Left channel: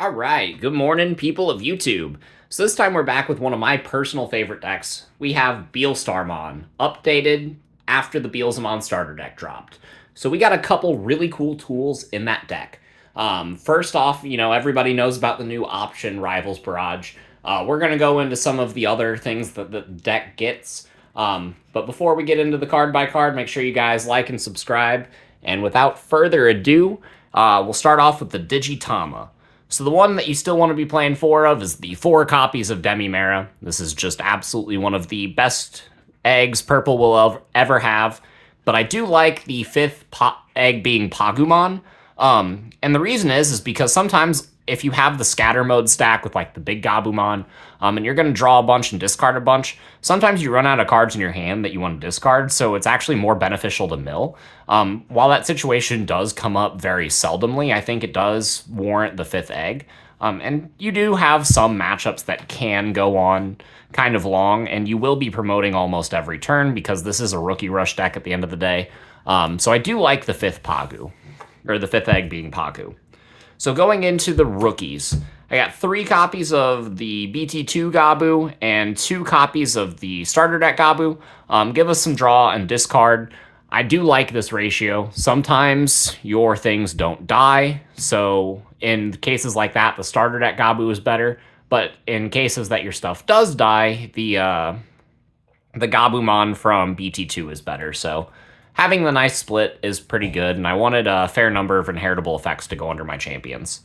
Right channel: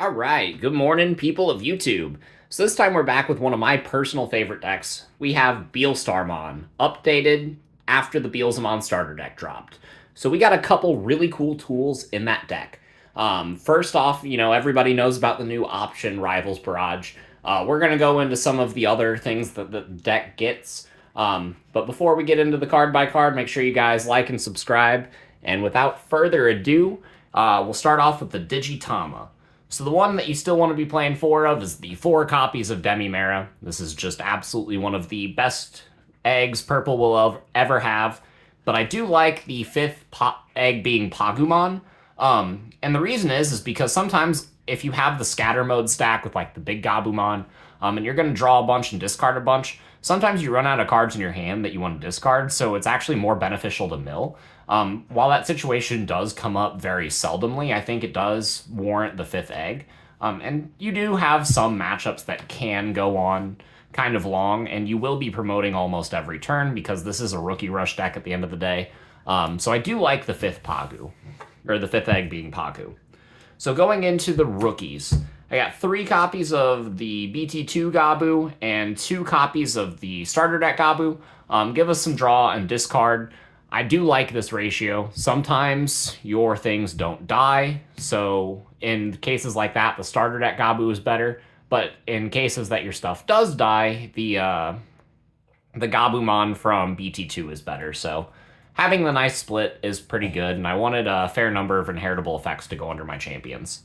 All right, good morning, people of YouTube. So this time we're back with one of my personal favorite decks. We have Beelstarmon, updated after the Beelzemon Starter deck dropped. So we got a couple really cool tools in that deck. First off, everybody knows about the new option, Rivals Barrage. We're going to go into some of the other things that the deck gets. But before we get into the card by card, make sure you guys like and subscribe. And without further ado, we'll start off with the Digitama. So the one that you still want to be playing four of is the 4 copies of Demimera. This is just absolutely one of the best eggs Purple will ever have. But I do like the 5th egg being Pagumon. And the reason is because sometimes if you have the scatter mode stack with like the big Gabumon, and you're going to draw a bunch and discard a bunch, sometimes you run out of cards in your hand that you want to discard, so it's actually more beneficial to mill. While that situation does come up very seldomly, I think it does warrant the 5th egg. And you do have some matchups that can go on kind of long, and you will be promoting almost every turn because this is a rookie rush deck at the end of the day. So I do like the 5th Pagu, or the 5th egg being Pagu. So going into the rookies, I got 3 copies of the BT2 Gabu and 2 copies of the starter deck Gabu. Give us some draw and discard. I do like this ratio. Sometimes your things don't die, so in cases like that, the starter deck Gabu is better. But in cases that your stuff does die, the Gabumon from BT2 is better. So having the nice split is pretty good, and I wanted a fair number of inheritable effects to go under my champions.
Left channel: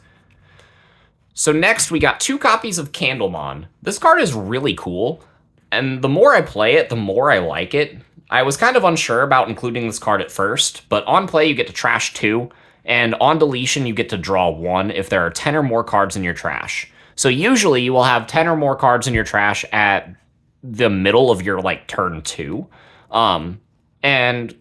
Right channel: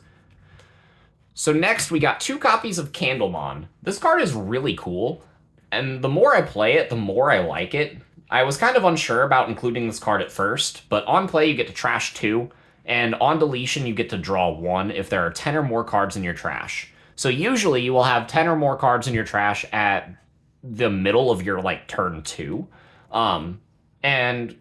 So next, we got 2 copies of Candlemon. This card is really cool, and the more I play it, the more I like it. I was kind of unsure about including this card at first, but on play you get to trash 2, and on deletion you get to draw 1 if there are 10 or more cards in your trash. So usually you will have 10 or more cards in your trash at the middle of your, turn 2. And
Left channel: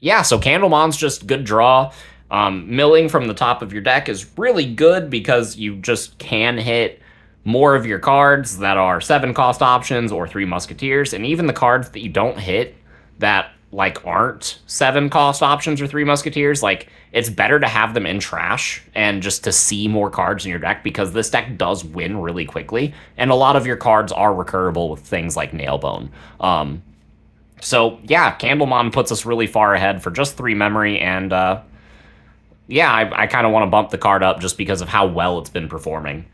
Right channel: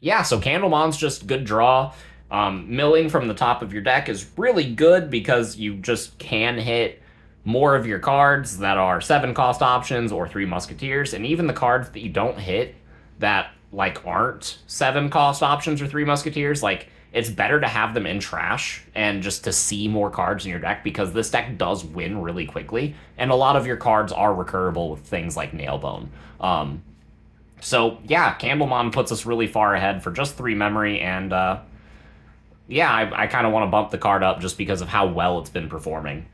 yeah, so Candlemon's just good draw. Milling from the top of your deck is really good because you just can hit more of your cards that are 7 cost options or 3 musketeers, and even the cards that you don't hit that aren't 7 cost options or 3 musketeers, it's better to have them in trash and just to see more cards in your deck, because this deck does win really quickly, and a lot of your cards are recurable with things like Nailbone. So yeah, Candlemon puts us really far ahead for just 3 memory, and yeah, I kind of want to bump the card up just because of how well it's been performing.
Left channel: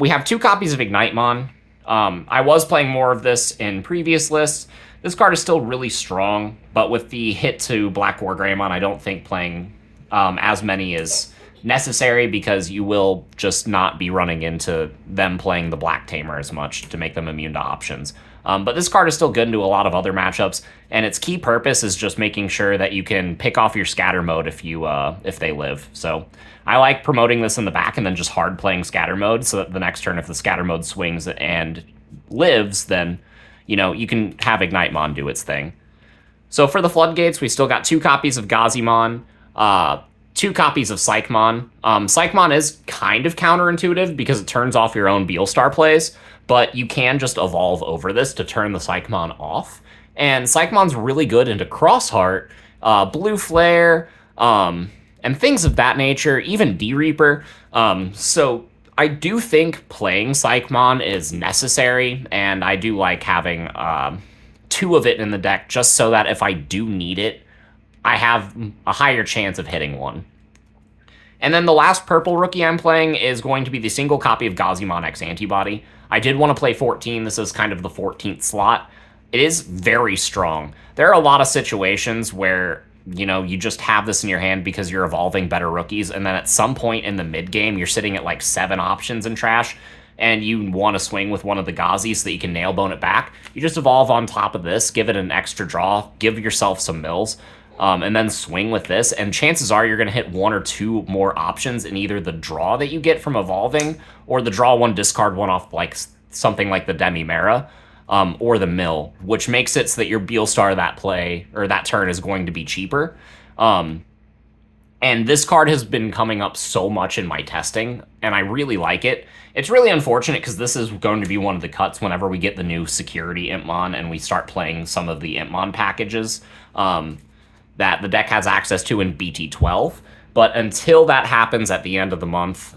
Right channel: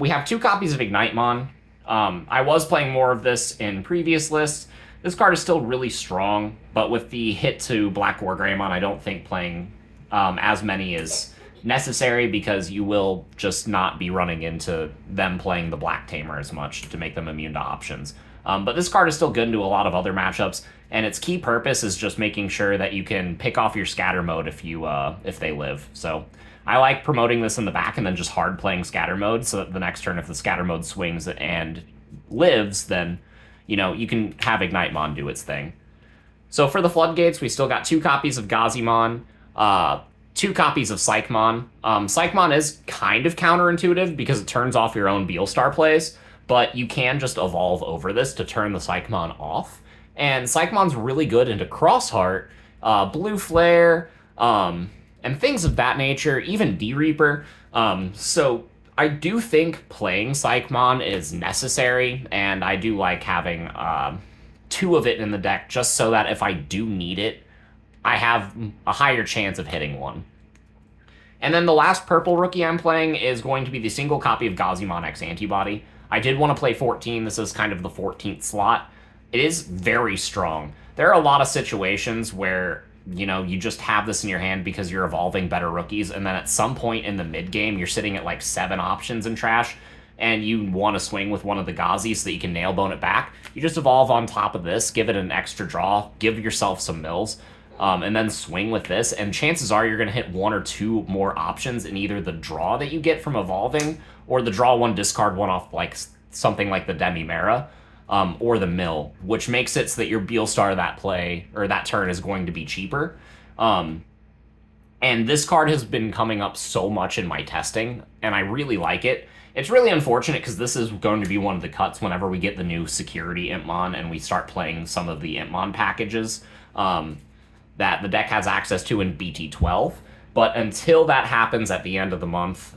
We have 2 copies of Ignitemon. I was playing more of this in previous lists. This card is still really strong, but with the hit to Black Wargreymon, I don't think playing as many is necessary, because you will just not be running into them playing the Black Tamer as much to make them immune to options. But this card is still good into a lot of other matchups, and its key purpose is just making sure that you can pick off your scatter mode if they live. So I like promoting this in the back and then just hard playing scatter mode, so that the next turn, if the scatter mode swings and lives, then you can have Ignitemon do its thing. So for the floodgates, we still got 2 copies of Gazimon, 2 copies of Psychmon. Psychmon is kind of counterintuitive because it turns off your own Beelstar plays, but you can just evolve over this to turn the Psychmon off. And Psychmon's really good into Crossheart, Blue Flare, and things of that nature, even D-Reaper. So I do think playing Psychmon is necessary, and I do like having 2 of it in the deck, just so that if I do need it, I have a higher chance of hitting one. And then the last purple rookie I'm playing is going to be the single copy of Gazimon X Antibody. I did want to play 14. This is kind of the 14th slot. It is very strong. There are a lot of situations where, you just have this in your hand because you're evolving better rookies, and then at some point in the mid-game, you're sitting at 7 options in trash, and you want to swing with one of the Gazis so that you can nailbone it back. You just evolve on top of this, give it an extra draw, give yourself some mills, and then swing with this, and chances are you're going to hit 1 or 2 more options in either the draw that you get from evolving, or the draw 1, discard 1 off something like the Demimera, or the mill, which makes it so that your Beelstar that play, or that turn, is going to be cheaper. And this card has been coming up so much in my testing, and I really like it. It's really unfortunate because this is going to be one of the cuts whenever we get the new security Impmon and we start playing some of the Impmon packages that the deck has access to in BT12. But until that happens at the end of the month,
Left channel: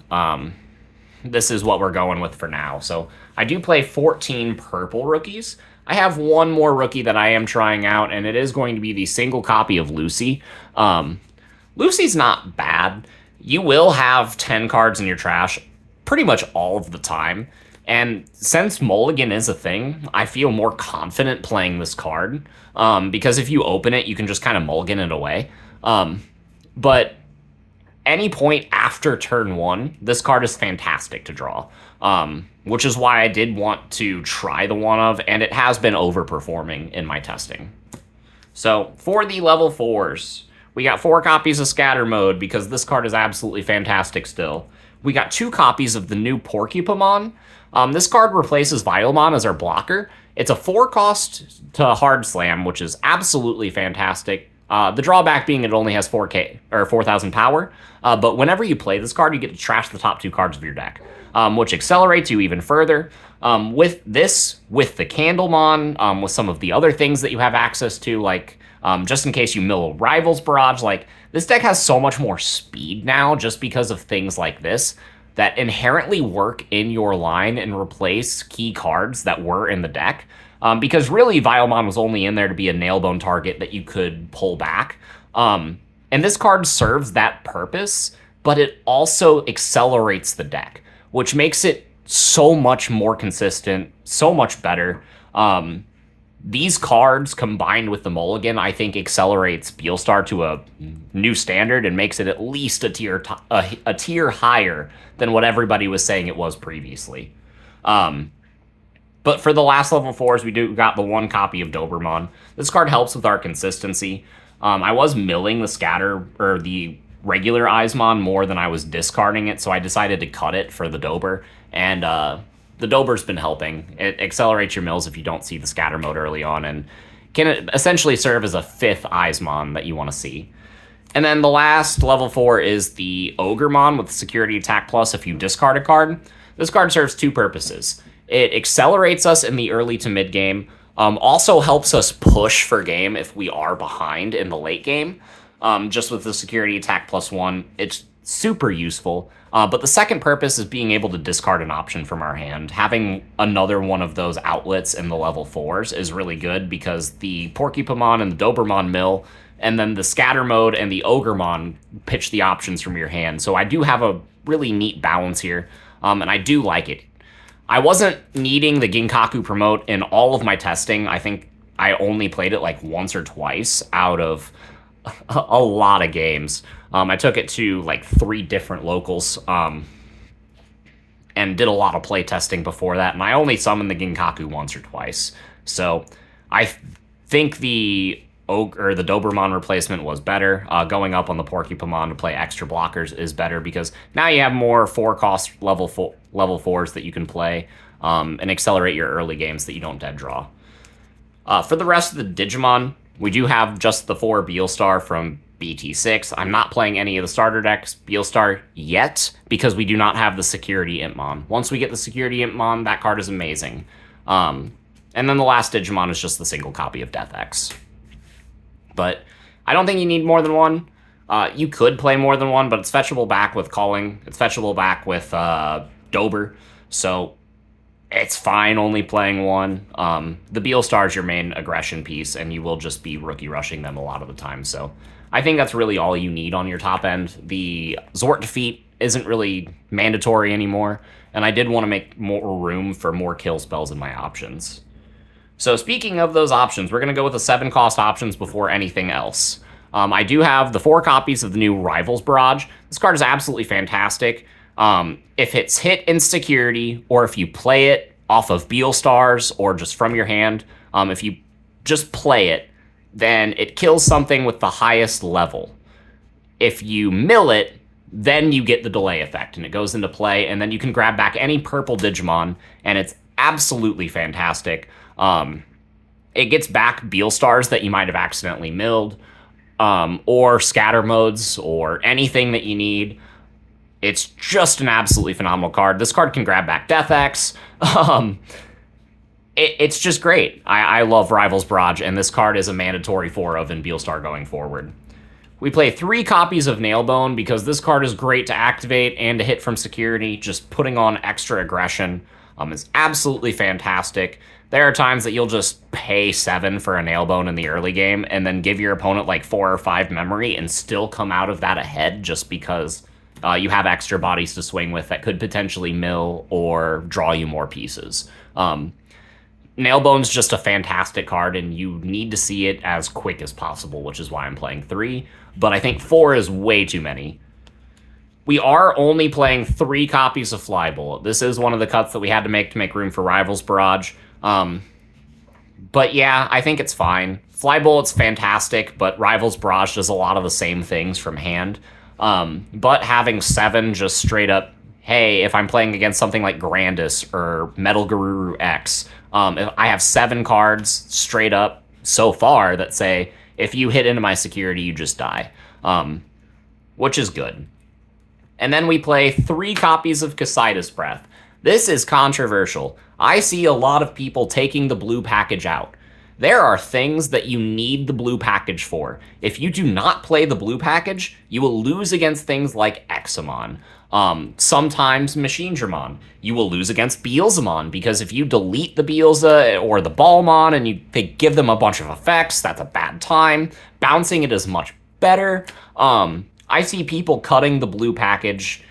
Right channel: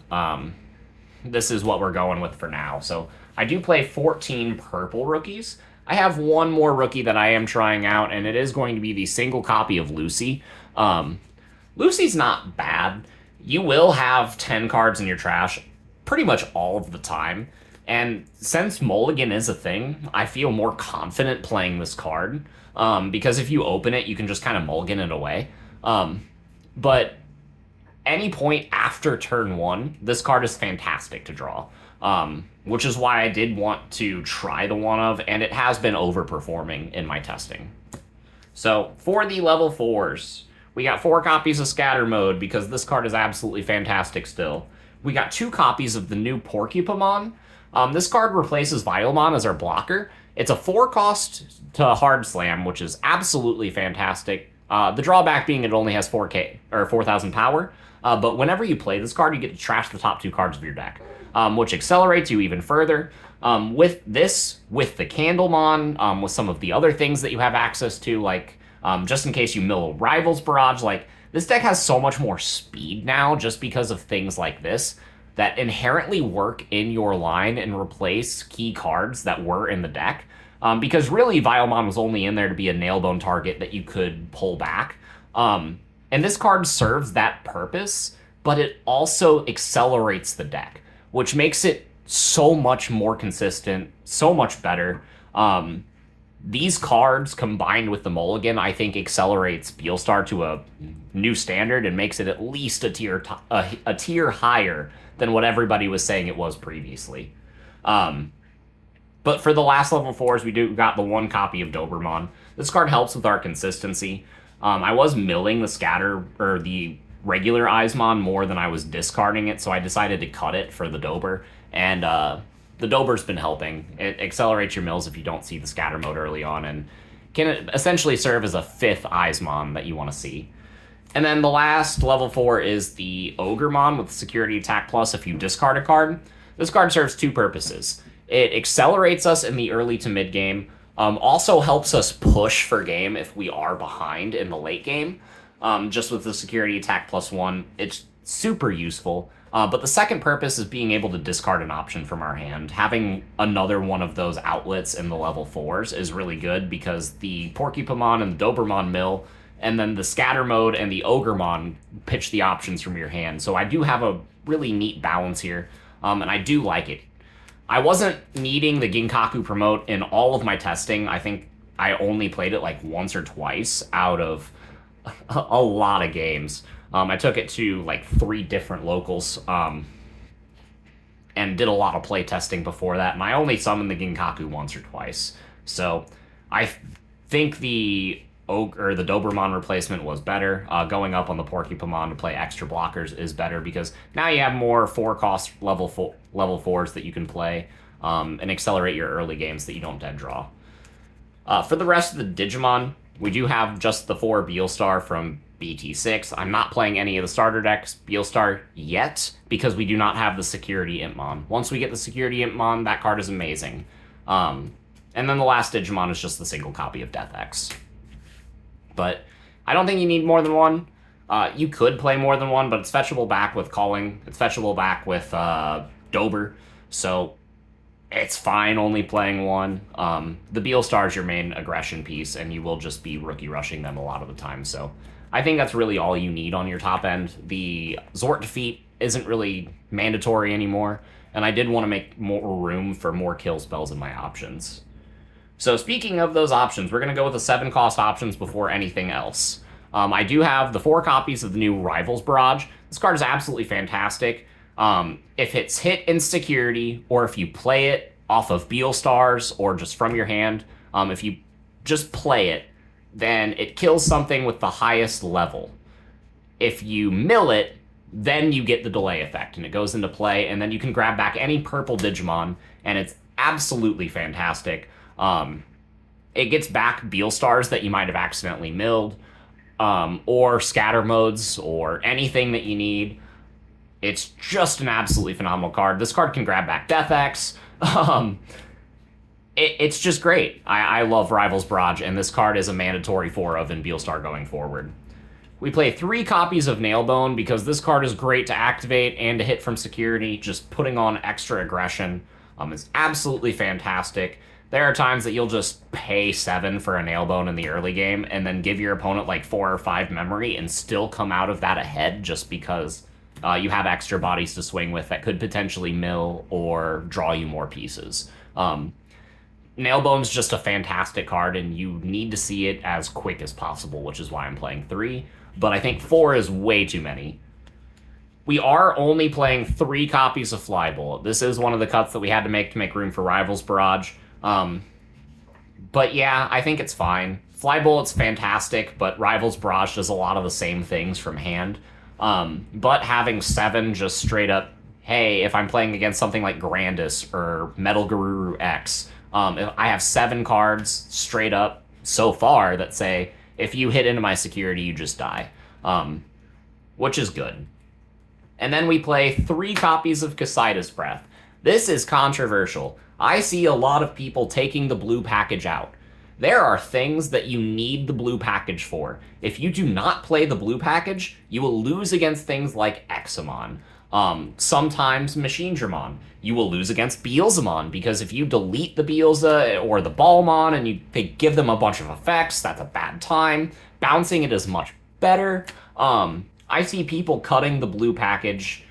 this is what we're going with for now. So I do play 14 purple rookies. I have one more rookie that I am trying out, and it is going to be the single copy of Lucy. Lucy's not bad. You will have 10 cards in your trash pretty much all of the time. And since mulligan is a thing, I feel more confident playing this card. Because if you open it, you can just kind of mulligan it away. But any point after turn 1, this card is fantastic to draw. Which is why I did want to try the one of, and it has been overperforming in my testing. So for the level 4s, we got 4 copies of Scatter Mode because this card is absolutely fantastic still. We got 2 copies of the new Porcupamon. This card replaces Beelzemon as our blocker. It's a 4 cost to hard slam, which is absolutely fantastic. The drawback being it only has 4K or 4,000 power. But whenever you play this card, you get to trash the top 2 cards of your deck, which accelerates you even further. With this, with the candlemon, with some of the other things that you have access to, like just in case you mill Rivals Barrage, like this deck has so much more speed now just because of things like this that inherently work in your line and replace key cards that were in the deck. Because really, Beelzemon was only in there to be a nailbone target that you could pull back. And this card serves that purpose, but it also accelerates the deck, which makes it so much more consistent, so much better. These cards combined with the mulligan, I think, accelerates Beelstar to a new standard and makes it at least a tier higher than what everybody was saying it was previously. But for the last level 4s, we got the 1 copy of Dobermon. This card helps with our consistency. I was milling the scatter or the regular Eismon more than I was discarding it, so I decided to cut it for the Dober. And the Dober's been helping. It accelerates your mills if you don't see the scatter mode early on, and can essentially serve as a 5th Eismon that you want to see. And then the last level 4 is the Ogremon with security attack plus if you discard a card. This card serves 2 purposes. It accelerates us in the early to mid game, also helps us push for game if we are behind in the late game. Just with the security attack +1, it's super useful. But the second purpose is being able to discard an option from our hand. Having another one of those outlets in the level 4s is really good because the Porcupamon and the Dobermon mill, and then the Scatter Mode and the Ogremon pitch the options from your hand. So I do have a really neat balance here, and I do like it. I wasn't needing the Ginkaku promote in all of my testing. I think I only played it like once or twice out of a lot of games. I took it to like 3 different locals and did a lot of play testing before that, and I only summoned the Ginkaku once or twice. So I think the Dobermon replacement was better. Going up on the Porcupamon to play extra blockers is better because now you have more 4-cost level 4s that you can play and accelerate your early games that you don't dead draw. For the rest of the Digimon, we do have just the 4 Beelstar from BT6. I'm not playing any of the starter decks Beelstar yet because we do not have the Security Impmon. Once we get the Security Impmon, that card is amazing. And then the last Digimon is just the single copy of DeathX. But I don't think you need more than 1. You could play more than 1, but it's fetchable back with Calling. It's fetchable back with Dober. So it's fine only playing 1. The Beelstar is your main aggression piece, and you will just be rookie rushing them a lot of the time. So I think that's really all you need on your top end. The Zort defeat isn't really mandatory anymore, and I did want to make more room for more kill spells in my options. So speaking of those options, we're going to go with the 7-cost options before anything else. I do have the 4 copies of the new Rivals Barrage. This card is absolutely fantastic. If it's hit in security, or if you play it off of Beelstars, or just from your hand, if you just play it, then it kills something with the highest level. If you mill it, then you get the delay effect, and it goes into play, and then you can grab back any purple Digimon, and it's absolutely fantastic. It gets back Beelstars that you might have accidentally milled, or scatter modes, or anything that you need. It's just an absolutely phenomenal card. This card can grab back DeathX. It's just great. I love Rivals Barrage, and this card is a mandatory 4 of in Beelstar going forward. We play 3 copies of Nailbone because this card is great to activate and to hit from security. Just putting on extra aggression is absolutely fantastic. There are times that you'll just pay 7 for a Nailbone in the early game and then give your opponent like 4 or 5 memory and still come out of that ahead just because you have extra bodies to swing with that could potentially mill or draw you more pieces. Nailbone's just a fantastic card, and you need to see it as quick as possible, which is why I'm playing 3. But I think 4 is way too many. We are only playing 3 copies of Flybullet. This is one of the cuts that we had to make room for Rivals Barrage. But yeah, I think it's fine. Flybullet's fantastic, but Rivals Barrage does a lot of the same things from hand. But having 7 just straight up, hey, if I'm playing against something like Grandis or Metal Guru X, I have 7 cards straight up so far that say, if you hit into my security, you just die, which is good. And then we play 3 copies of Casitas Breath. This is controversial. I see a lot of people taking the blue package out. There are things that you need the blue package for. If you do not play the blue package, you will lose against things like Examon. Sometimes machinedramon. You will lose against Beelzemon, because if you delete the Beelza or the Balmon and they give them a bunch of effects, that's a bad time. Bouncing it is much better. I see people cutting the blue package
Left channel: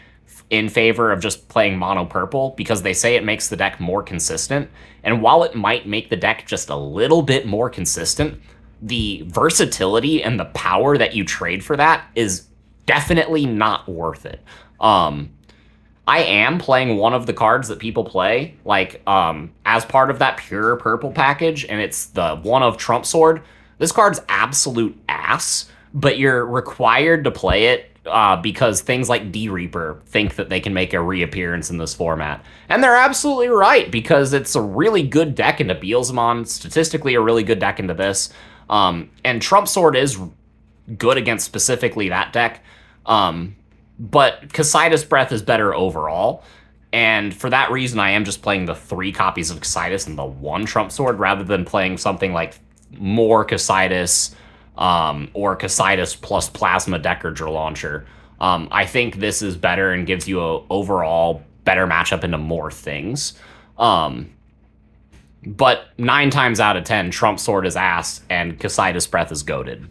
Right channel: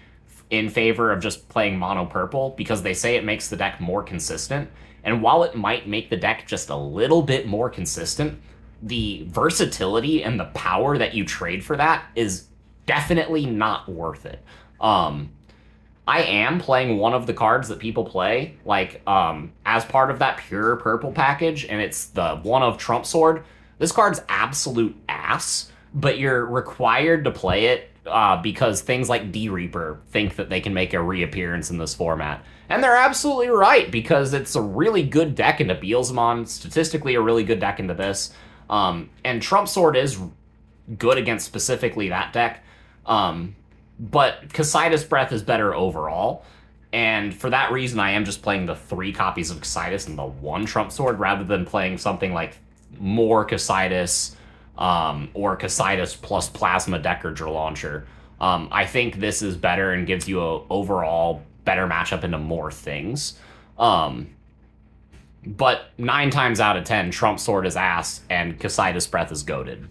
in favor of just playing mono purple because they say it makes the deck more consistent. And while it might make the deck just a little bit more consistent, the versatility and the power that you trade for that is definitely not worth it. I am playing one of the cards that people play, like, as part of that pure purple package, and it's the one of Trump Sword. This card's absolute ass, but you're required to play it because things like D-Reaper think that they can make a reappearance in this format. And they're absolutely right, because it's a really good deck into Beelzemon, statistically a really good deck into this. And Trump Sword is good against specifically that deck. But Casitas Breath is better overall. And for that reason, I am just playing the 3 copies of Casitas and the 1 Trump Sword, rather than playing something like more Casitas, or Casitas plus Plasma Deckardra Launcher. I think this is better and gives you a overall better matchup into more things. But 9 times out of 10, Trump Sword is ass and Casitas Breath is goated.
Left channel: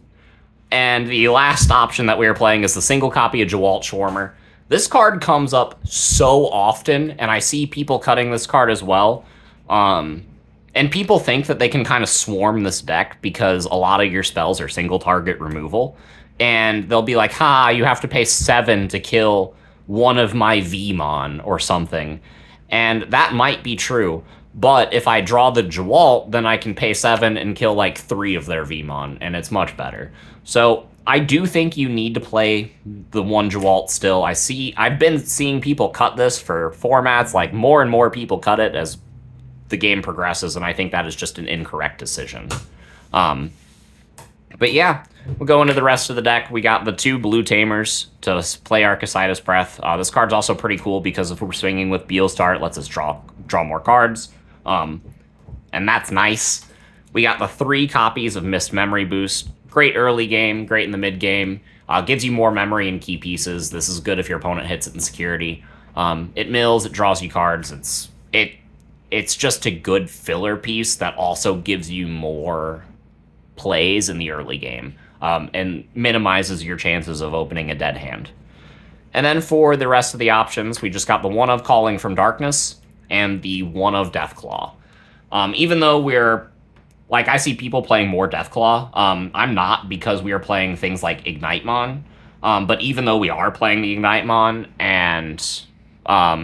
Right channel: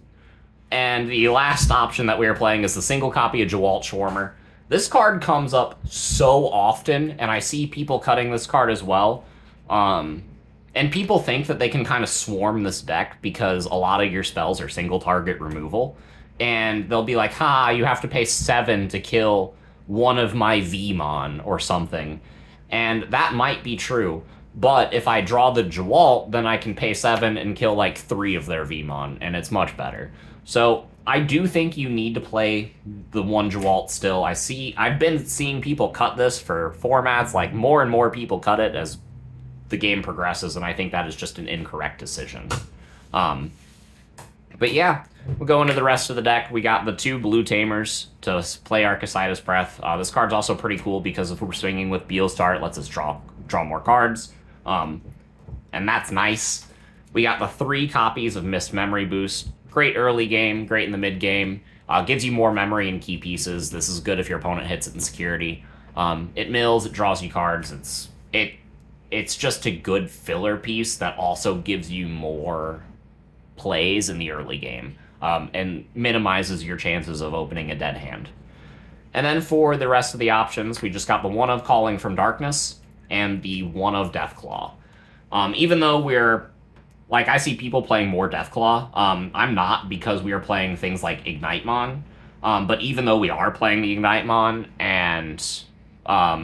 And the last option that we are playing is the single copy of Jawalt Schwarmer. This card comes up so often, and I see people cutting this card as well. And people think that they can kind of swarm this deck because a lot of your spells are single target removal. And they'll be like, you have to pay 7 to kill one of my Vmon or something. And that might be true. But if I draw the Jawalt, then I can pay 7 and kill like 3 of their Vmon, and it's much better. So I do think you need to play the 1 Jawalt still. I've been seeing people cut this for formats, like more and more people cut it as the game progresses, and I think that is just an incorrect decision. But yeah, we'll go into the rest of the deck. We got the 2 blue tamers to play our Casitas Breath. This card's also pretty cool because if we're swinging with Beelstar, it lets us draw more cards. And that's nice. We got the 3 copies of Mist Memory Boost. Great early game, great in the mid game. Gives you more memory and key pieces. This is good if your opponent hits it in security. It mills, it draws you cards. It's just a good filler piece that also gives you more plays in the early game, and minimizes your chances of opening a dead hand. And then for the rest of the options, we just got the 1 of Calling from Darkness and the 1 of Deathclaw. Even though I see people playing more Deathclaw, I'm not, because we are playing things like Ignitemon. But even though we are playing the Ignitemon and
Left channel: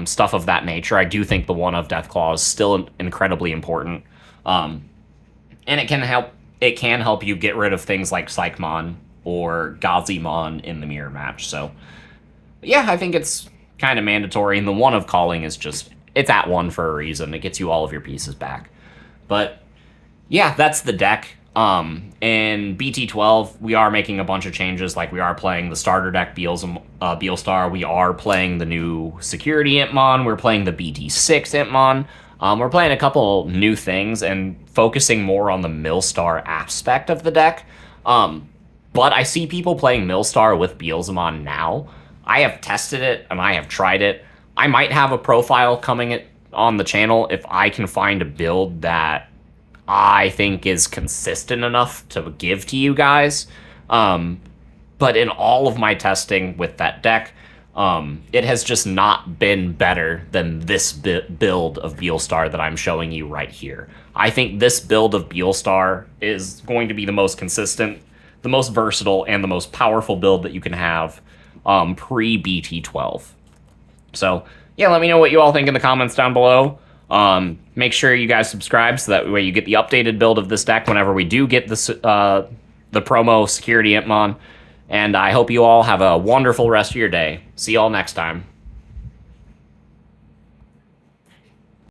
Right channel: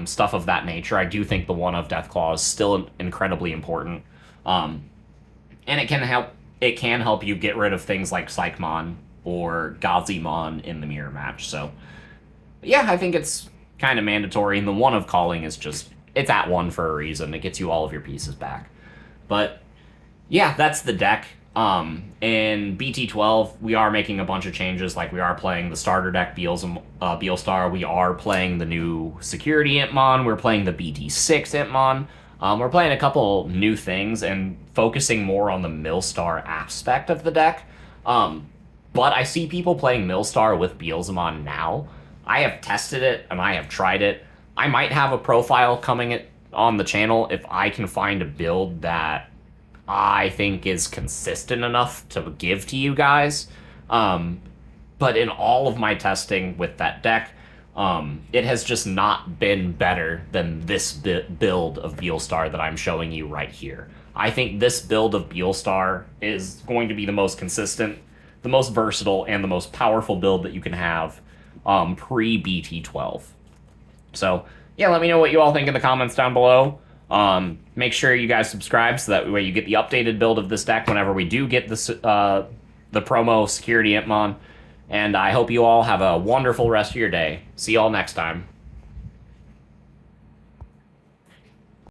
stuff of that nature, I do think the 1 of Deathclaw is still incredibly important. And it can help you get rid of things like Psychmon or Gazimon in the mirror match. So yeah, I think it's kind of mandatory. And the 1 of Calling is just, it's at 1 for a reason. It gets you all of your pieces back. But yeah, that's the deck. In BT12, we are making a bunch of changes. Like, we are playing the starter deck, Beelstar. We are playing the new Security Impmon. We're playing the BT6 Impmon. We're playing a couple new things and focusing more on the Millstar aspect of the deck. but I see people playing Millstar with Beelzemon now. I have tested it, and I have tried it. I might have a profile coming on the channel if I can find a build that I think is consistent enough to give to you guys. But in all of my testing with that deck, it has just not been better than this build of Beelstar that I'm showing you right here. I think this build of Beelstar is going to be the most consistent, the most versatile, and the most powerful build that you can have pre-BT12. So, yeah, let me know what you all think in the comments down below. Make sure you guys subscribe so that way you get the updated build of this deck whenever we do get this, the promo Security Impmon. And I hope you all have a wonderful rest of your day. See y'all next time.